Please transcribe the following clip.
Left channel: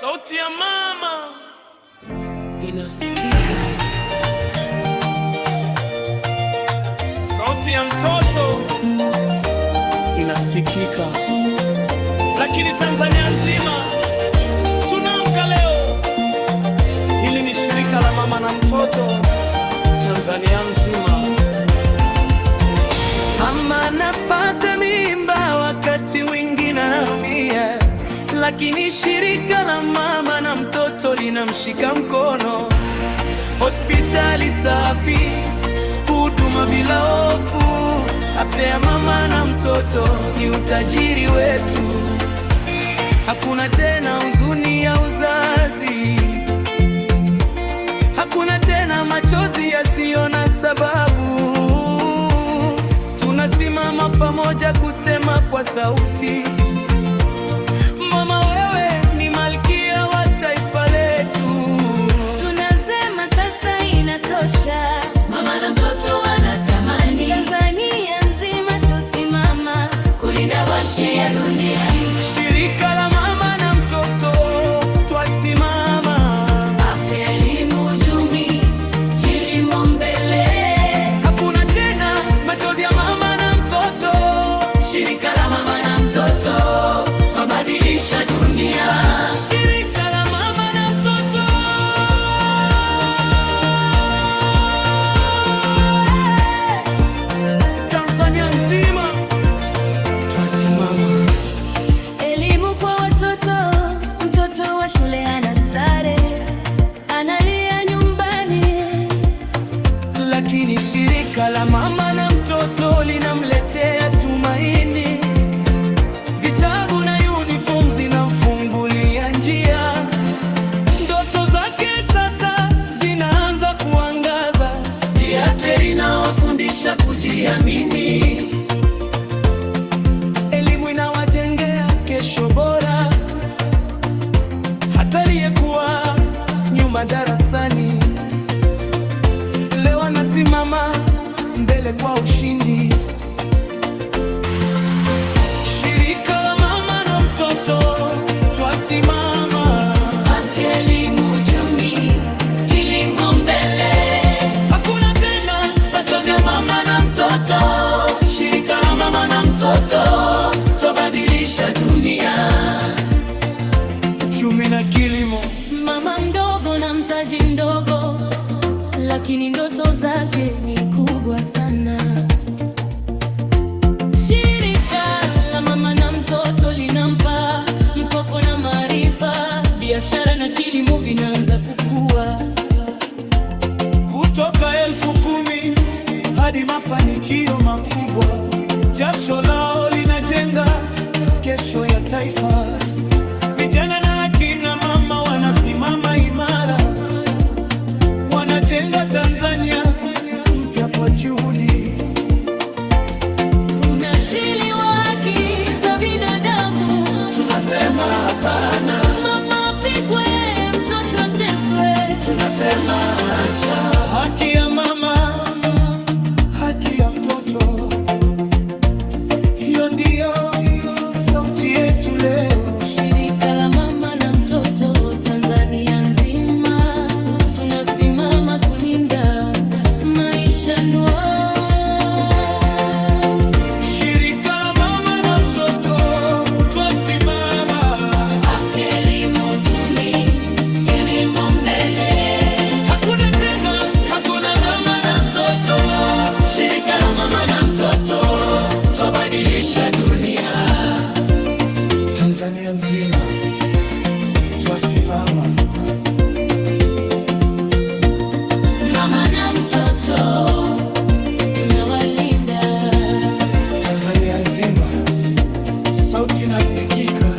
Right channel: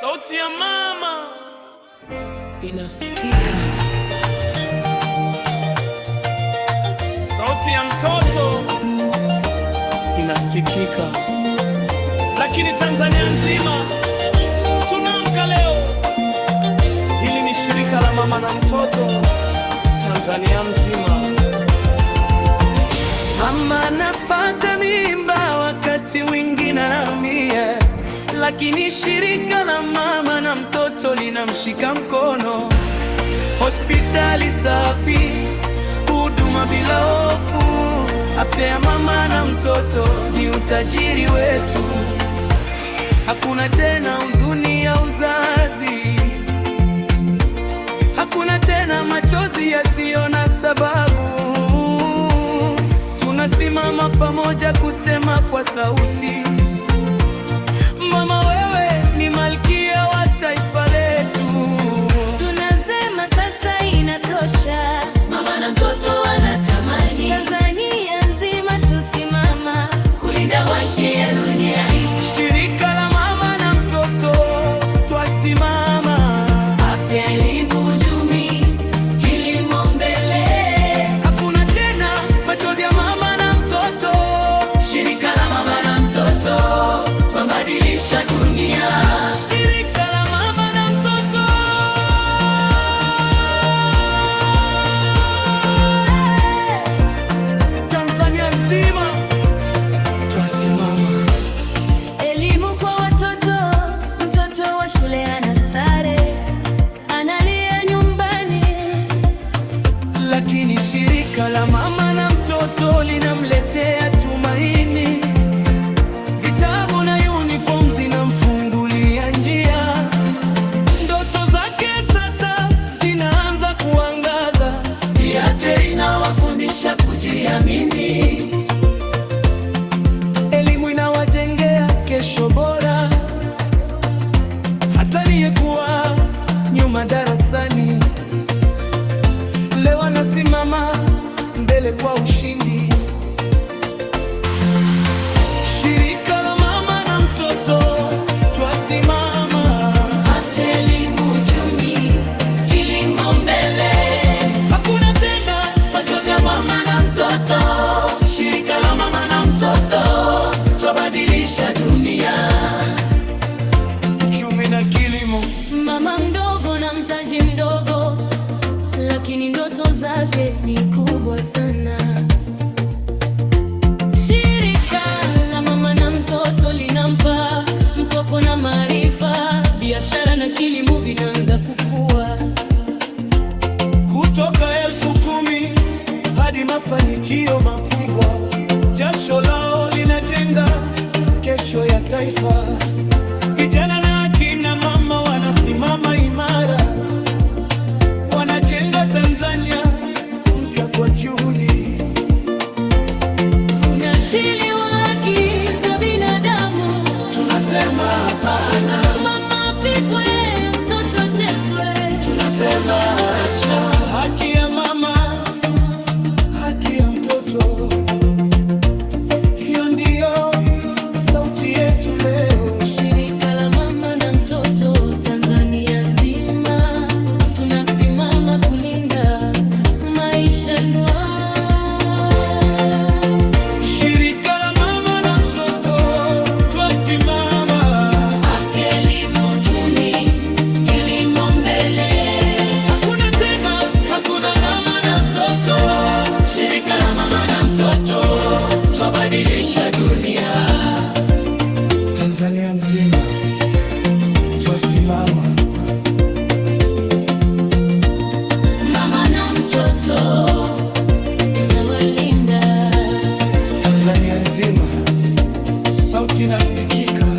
Sauti ya mama inasikika, sauti ya mtoto inasikika, lakini Tanzania nzima tunaamka leo. Hili ni shirika la mama na mtoto Tanzania nzima. Mama anapata mimba, wakati mwingine anaumia, lakini shirika la mama na mtoto linamshika mkono. Hospitali safi, huduma bila hofu. Afya ya mama na mtoto ni utajiri wetu. Hakuna tena huzuni ya uzazi, hakuna tena machozi yasiyo na sababu. Tunasimama pamoja kusema kwa sauti, mama wewe ni malkia wa taifa letu. Tunasema sasa inatosha, mama na mtoto wanatamani. Tanzania nzima tusimama kulinda maisha ya dunia hii. Shirika la mama na mtoto twasimama. Afya, elimu, uchumi, kilimo mbele. Hakuna tena machozi ya mama na mtoto. Shirika la mama na mtoto twabadilisha dunia. Shirika la mama na mtoto. Tanzania nzima twasimama. Elimu kwa watoto, mtoto wa shule ana sare, analia nyumbani, lakini shirika la mama na mtoto linamletea tumaini. Vitabu na uniform zinamfungulia njia. Ndoto zake sasa zinaanza kuangaza. Theater inawafundisha kujiamini, Elimu inawajengea kesho bora. Hata aliyekuwa nyuma darasani leo anasimama mbele kwa ushindi. Shirika la mama na mtoto twasimama. afya, elimu, uchumi, kilimo mbele. Hakuna tena Machozi ya mama na mtoto. Shirika la mama na mtoto twabadilisha dunia. uchumi na kilimo. Mama mdogo na mtaji mdogo, lakini ndoto zake ni kubwa sana. Shirika la mama na mtoto linampa mkopo na maarifa. Biashara na kilimo vinaanza kukua, Kutoka 10,000 hadi mafanikio makubwa. Jasho lao linajenga kesho ya taifa. Vijana na akina mama wanasimama imara, wanajenga Tanzania mpya kwa juhudi. tunazili haki za binadamu. Tunasema hapana, Mama apigwe, mtoto ateswe. tunasema acha. Haki ya mama, haki ya mtoto, hiyo ndiyo sauti yetu leo. Shirika la mama na mtoto Tanzania nzima tunasimama kulinda maisha noa. Shirika la mama na mtoto twasimama. Afya, elimu, uchumi, kilimo mbele. Hakuna tena, hakuna mama na mtoto. Shirika la mama na mtoto twabadilisha dunia. Tanzania nzima twasimama. Mama na mtoto tunawalinda. Tanzania nzima sauti inasikika.